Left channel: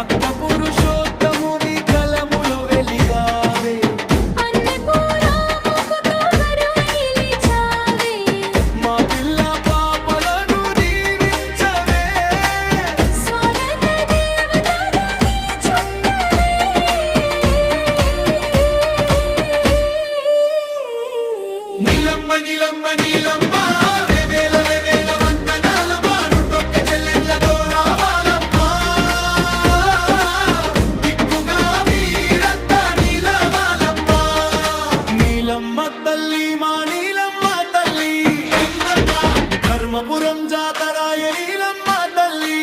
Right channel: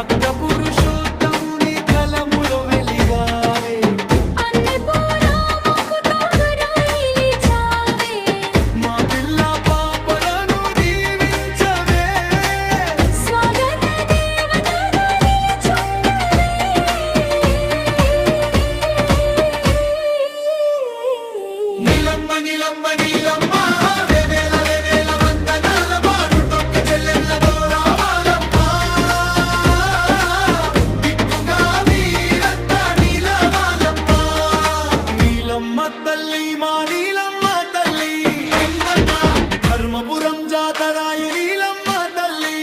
భక్త పురుషోత్తముని కలములో వెలిగావే, మా పిల్ల పాపలను దీవించవే, స్వాగత దేవతగా నిలుచుండవే. నీలమ్మ నీలమ్మ నీలమ్మ వెవేల వెవేల వందనాలమ్మ, నువ్వొక్క చెల్లెళ్ళతో రావాలమ్మా, దిక్కుగా మీరంతా నీలవాలమ్మా. నీలమ్మ తల్లి మా నీలమ్మ తల్లి, ధర్మపురం జాతరాయ నీలమ్మ తల్లి.